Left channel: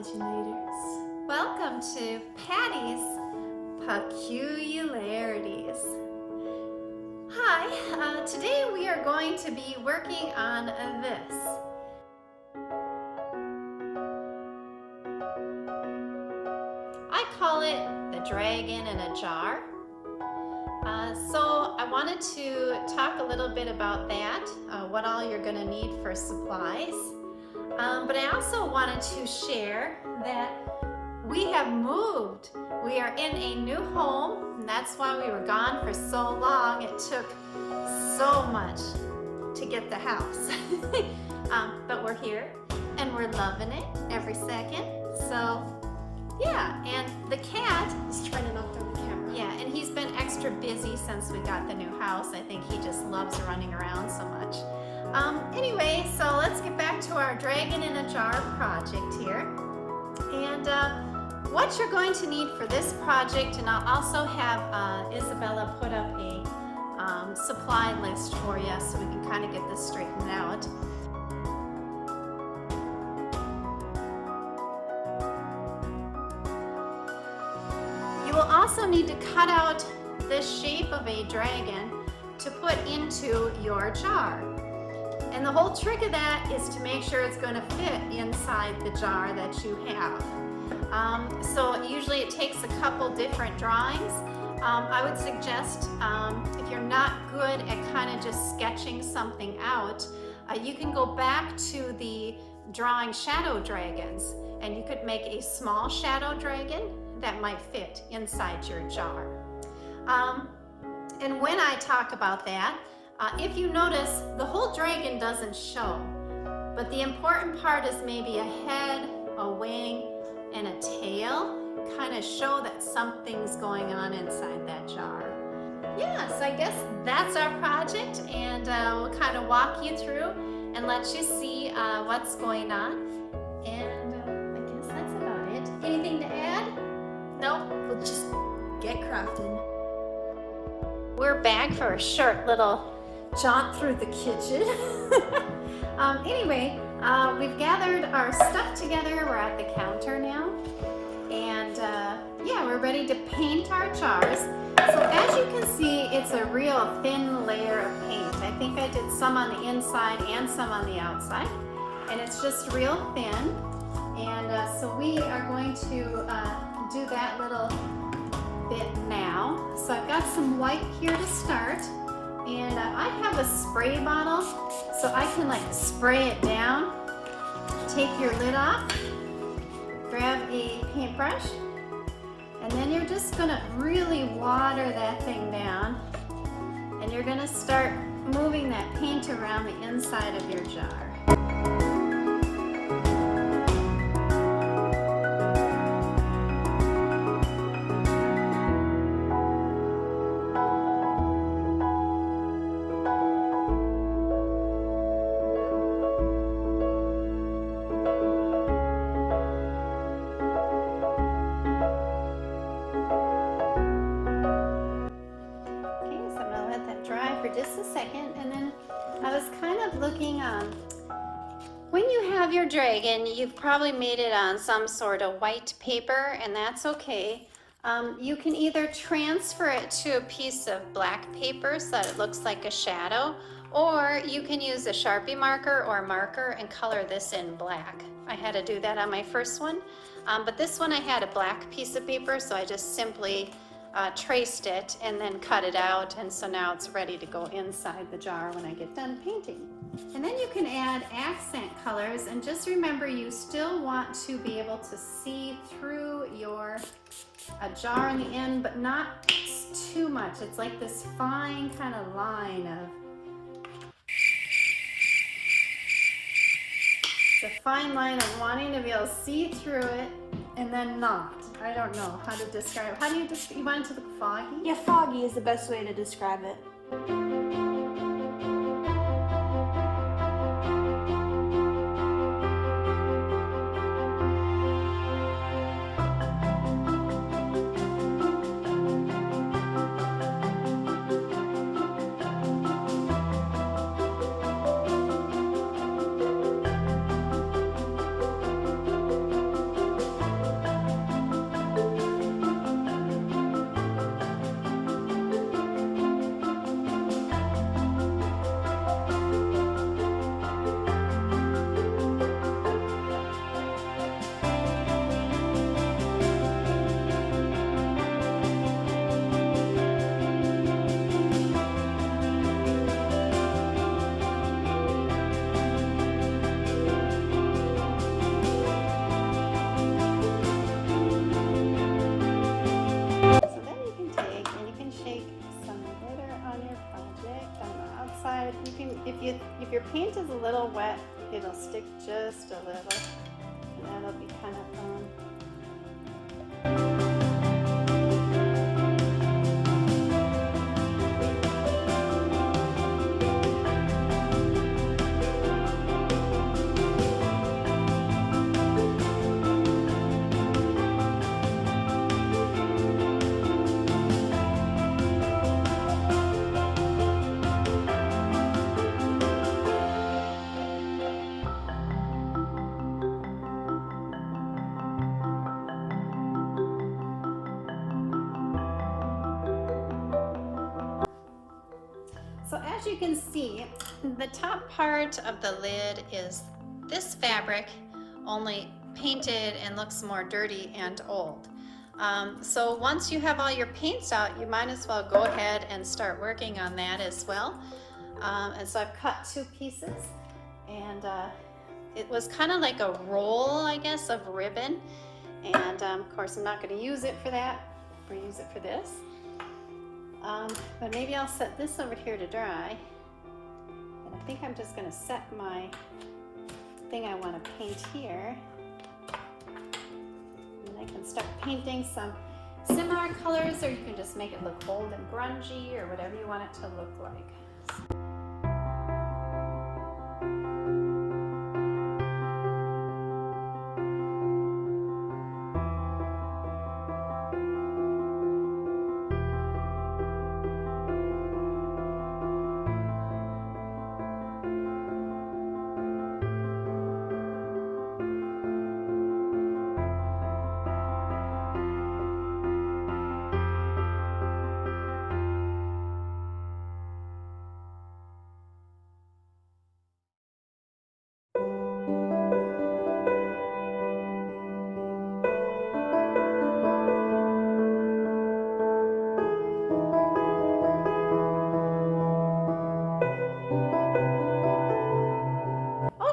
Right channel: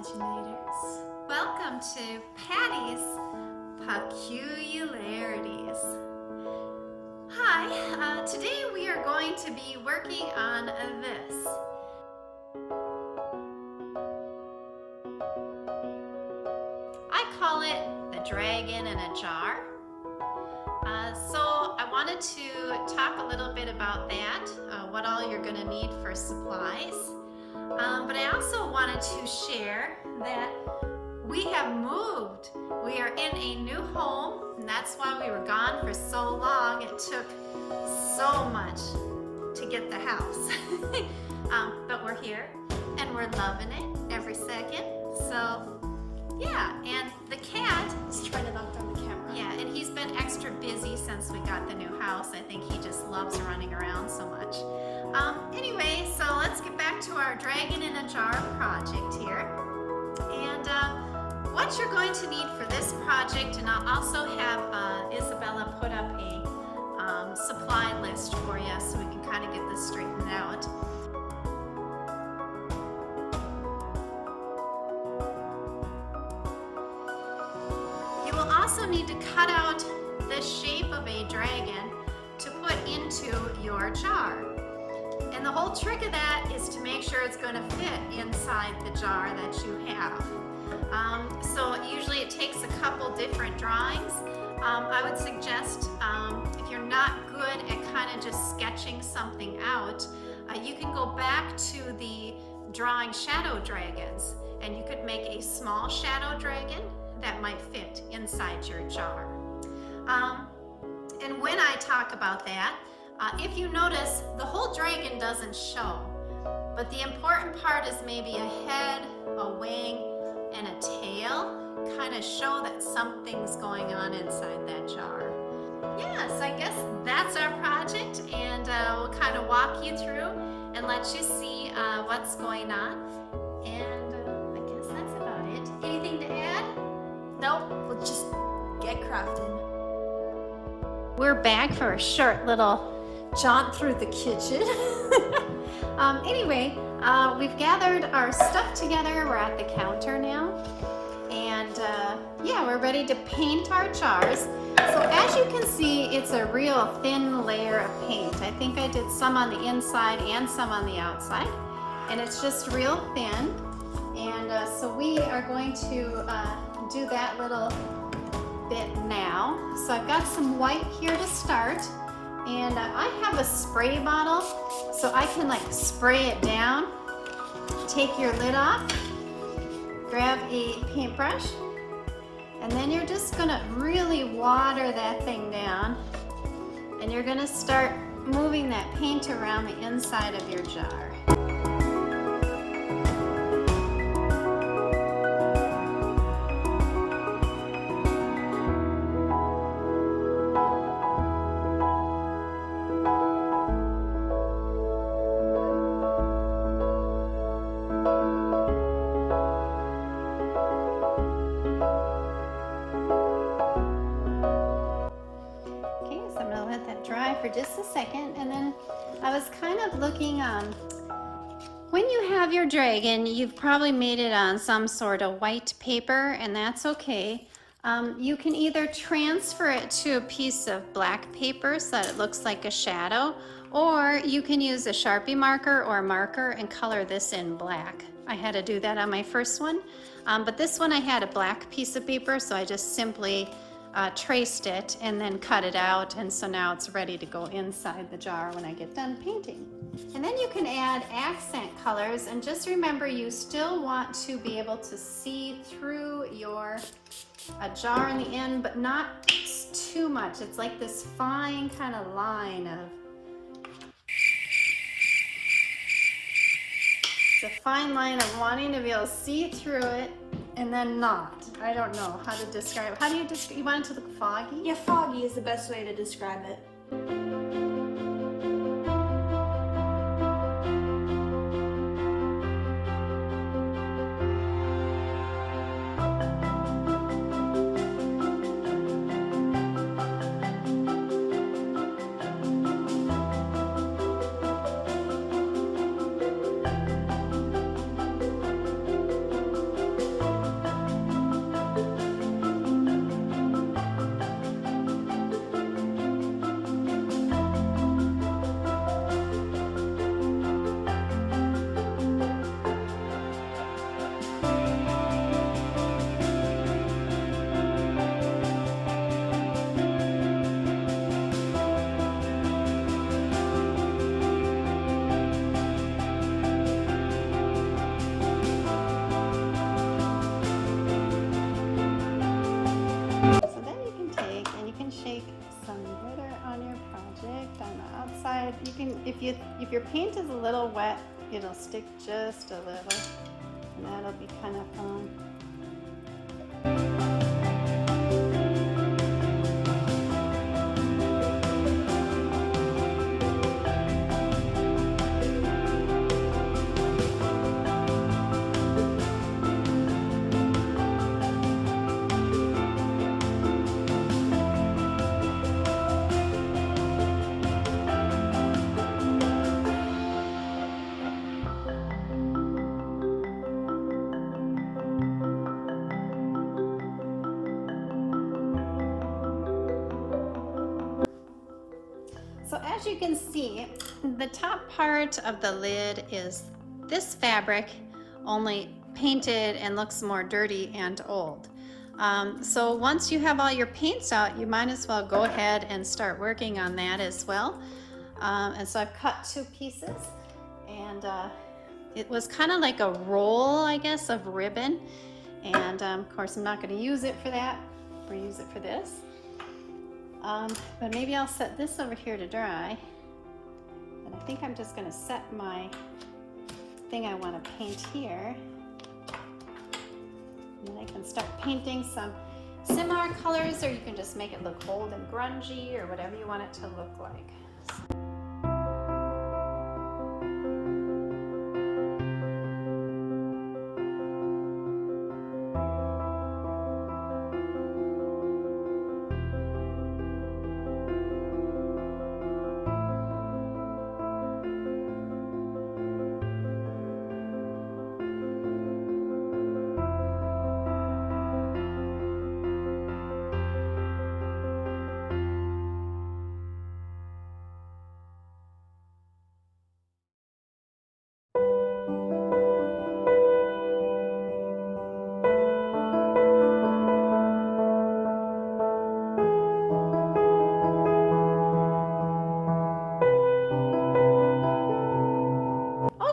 imaginators. Welcome to Patty's Peculiarities. Hi, today we are going to be working on this. I call it the dragon in a jar. So I wanted to talk a little bit about that, what all you're going to need for supplies. But I also wanted to share that we have moved. We are in a new home, and that's why we were gone for so long. It took so much to get the house. But we're here, and we're loving it every second. So, yeah, and the cat... Just trying to knock down the camera. Yeah, and he's been extra busy since we got the new house. I think he just loves running around so much. Anyway, so let's get back to our dragon in a jar project here. And what you're going to need for this project, and I'll also have Isabella put up a supply list for you so we can kind of get this straightened out. You will also need to cut out this shape of a dragon to put into your jar. And the whole trick of that is to make sure it's going to fit inside the jar that you have. So usually it takes a couple different drawings. I would suggest if you're not good at kind of just sketching something out, you can go back to the drawing shadow dragons, and you could make a small shadow dragon that might fit inside your jar. And when I talk about that, if you notice, the whole dragon doesn't show, but the important part is maybe a head, a wing, and a tail kind of show that something's going on inside that jar. Yes, I guess that's our project, and we'll kind of walk you through and let you see what's going on. And I guess that's about it. Anything to add? Nope, we'll just get crafting. We're back for a short little jaunt through the kitchen. Anyway, we've gathered our stuff together. We're at the counter now. And yeah, we're ready to paint our jars. So as you can see, it's a real thin layer of paint. I think I did some on the inside and some on the outside. And it's just real thin. And so we are going to do that little bit now. So I've got some white here to start. And I have a spray bottle, so I can like spray it down. Take your lid off, grab a paintbrush, and then you're just gonna really water that thing down. And you're gonna start moving that paint around the inside of your jar. Just a second, and then I was kind of looking, when you have your dragon, you've probably made it on some sort of white paper, and that's okay. You can either transfer it to a piece of black paper so that it looks like a shadow, or you can use a Sharpie marker or a marker and color this in black. I had to do that on my first one, but this one I had a black piece of paper, so I just simply traced it and then cut it out, and so now it's ready to go inside the jar when I get done painting. And then you can add accent colors, and just remember you still want to be able to see through your jar on the end, but not too much. It's like this fine kind of line of, it's a fine line of wanting to be able to see through it and then not. I don't know how to describe. How do you want it to look foggy? Yeah, foggy is the best way to describe it. paint is a little wet, it'll stick just a little. That'll be kind of fun. So as you can see, the top part of the lid is this fabric, only painted and looks more dirty and old. So once you have all your paints out, you might as well go ahead and start working on that as well. And so I've cut 2 pieces, and it was kind of like a roll, I guess, of ribbon. And of course I'm not going to use it for that, or use it for this. But maybe I'll set this over here to dry. And I think I'm just going to set my thing I want to paint here. And I can start painting some similar colors, or you can just make it look bold and grungy, or whatever you want it to look like.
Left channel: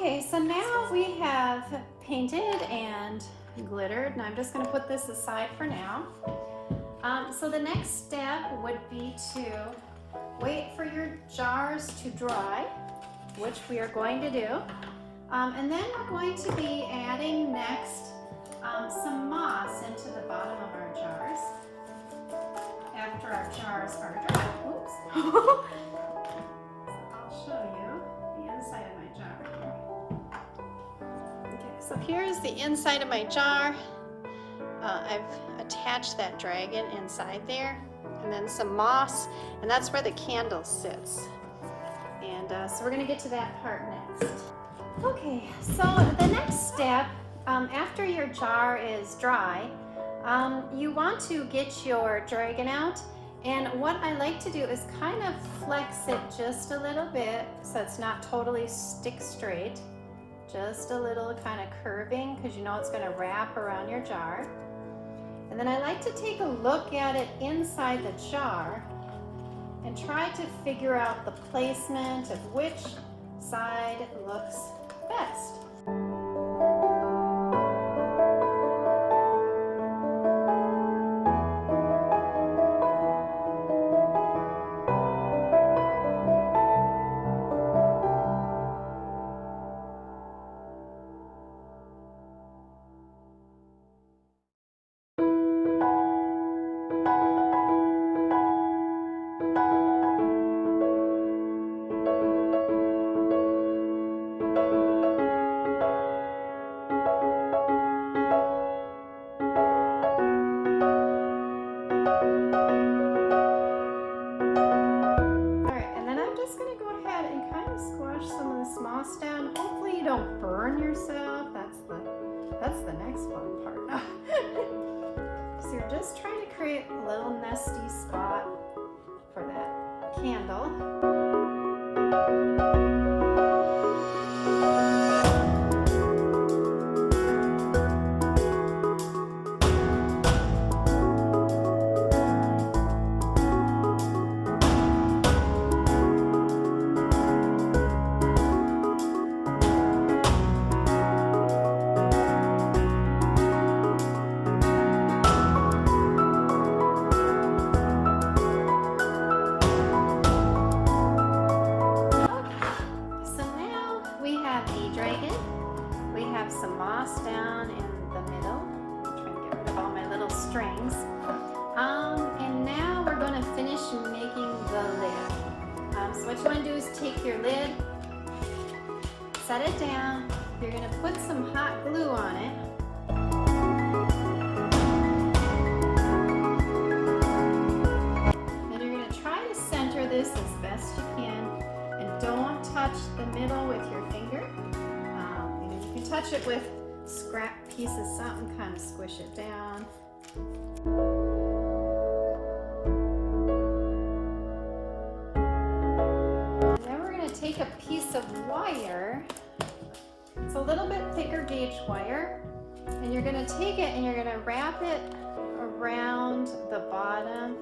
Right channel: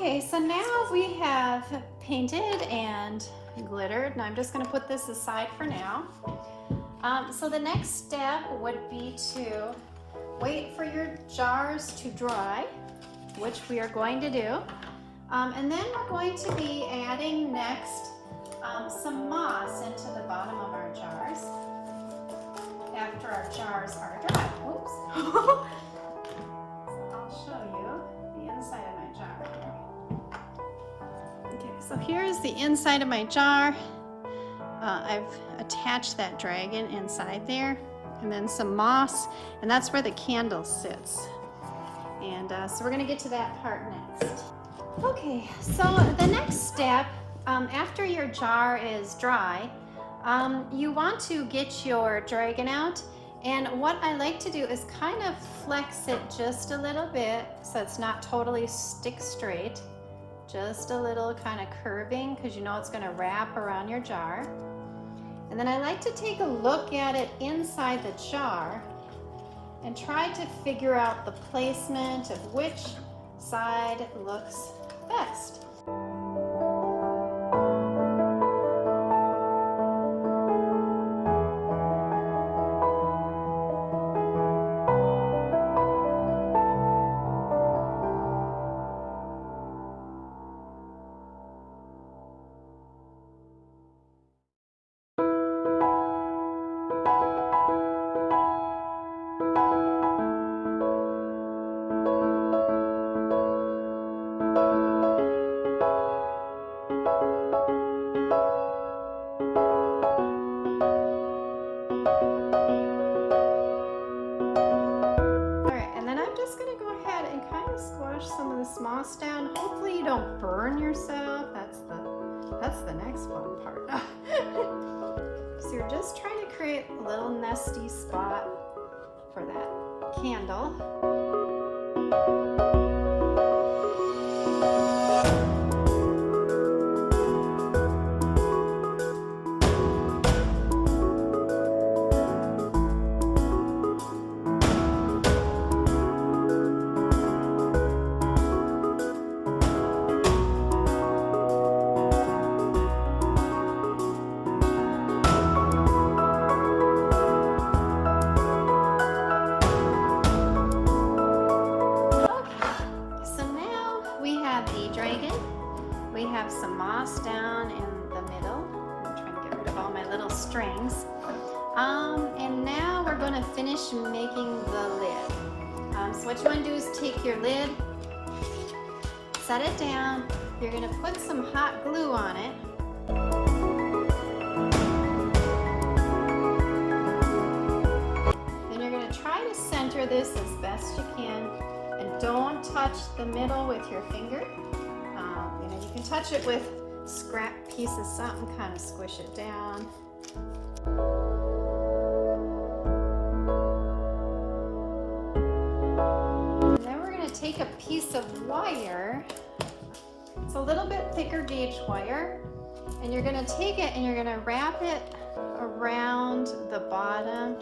Okay, so now we have painted and glittered, and I'm just going to put this aside for now. So the next step would be to wait for your jars to dry, which we are going to do. And then we're going to be adding next some moss into the bottom of our jars after our jars are dry. Oops. So I'll show you the inside of my jar. Okay, so here's the inside of my jar. I've attached that dragon inside there, and then some moss, and that's where the candle sits. And so we're going to get to that part next. Okay, so the next step, after your jar is dry, you want to get your dragon out, and what I like to do is kind of flex it just a little bit so it's not totally stick straight, just a little kind of curving, because you know it's going to wrap around your jar. And then I like to take a look at it inside the jar and try to figure out the placement of which side looks best. Little nesty spot for that candle. strings. And now we're going to finish making the lid. So what you want to do is take your lid, set it down. You're going to put some hot glue on it. And you're going to try to center this as best you can. And don't touch the middle with your finger. If you touch it with scrap piece of something, kind of squish it down. And then we're going to take a piece of wire. It's a little bit thicker gauge wire. And you're going to take it and you're going to wrap it around the bottom.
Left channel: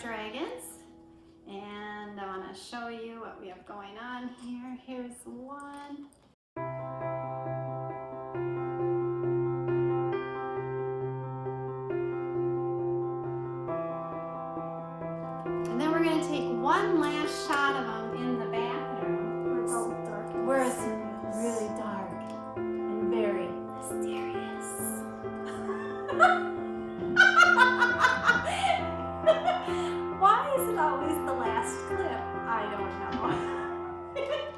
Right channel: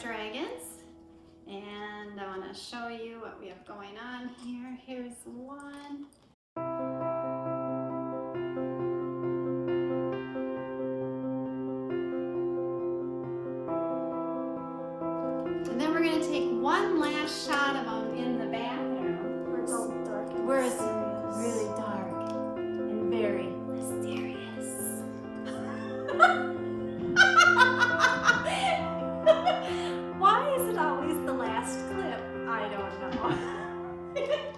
Dragons, and I want to show you what we have going on here. Here's one. And then we're going to take one last shot of them in the bathroom. Where it's all dark and Where it's mysterious. really dark and very mysterious. Why is it always the last clip? I don't know.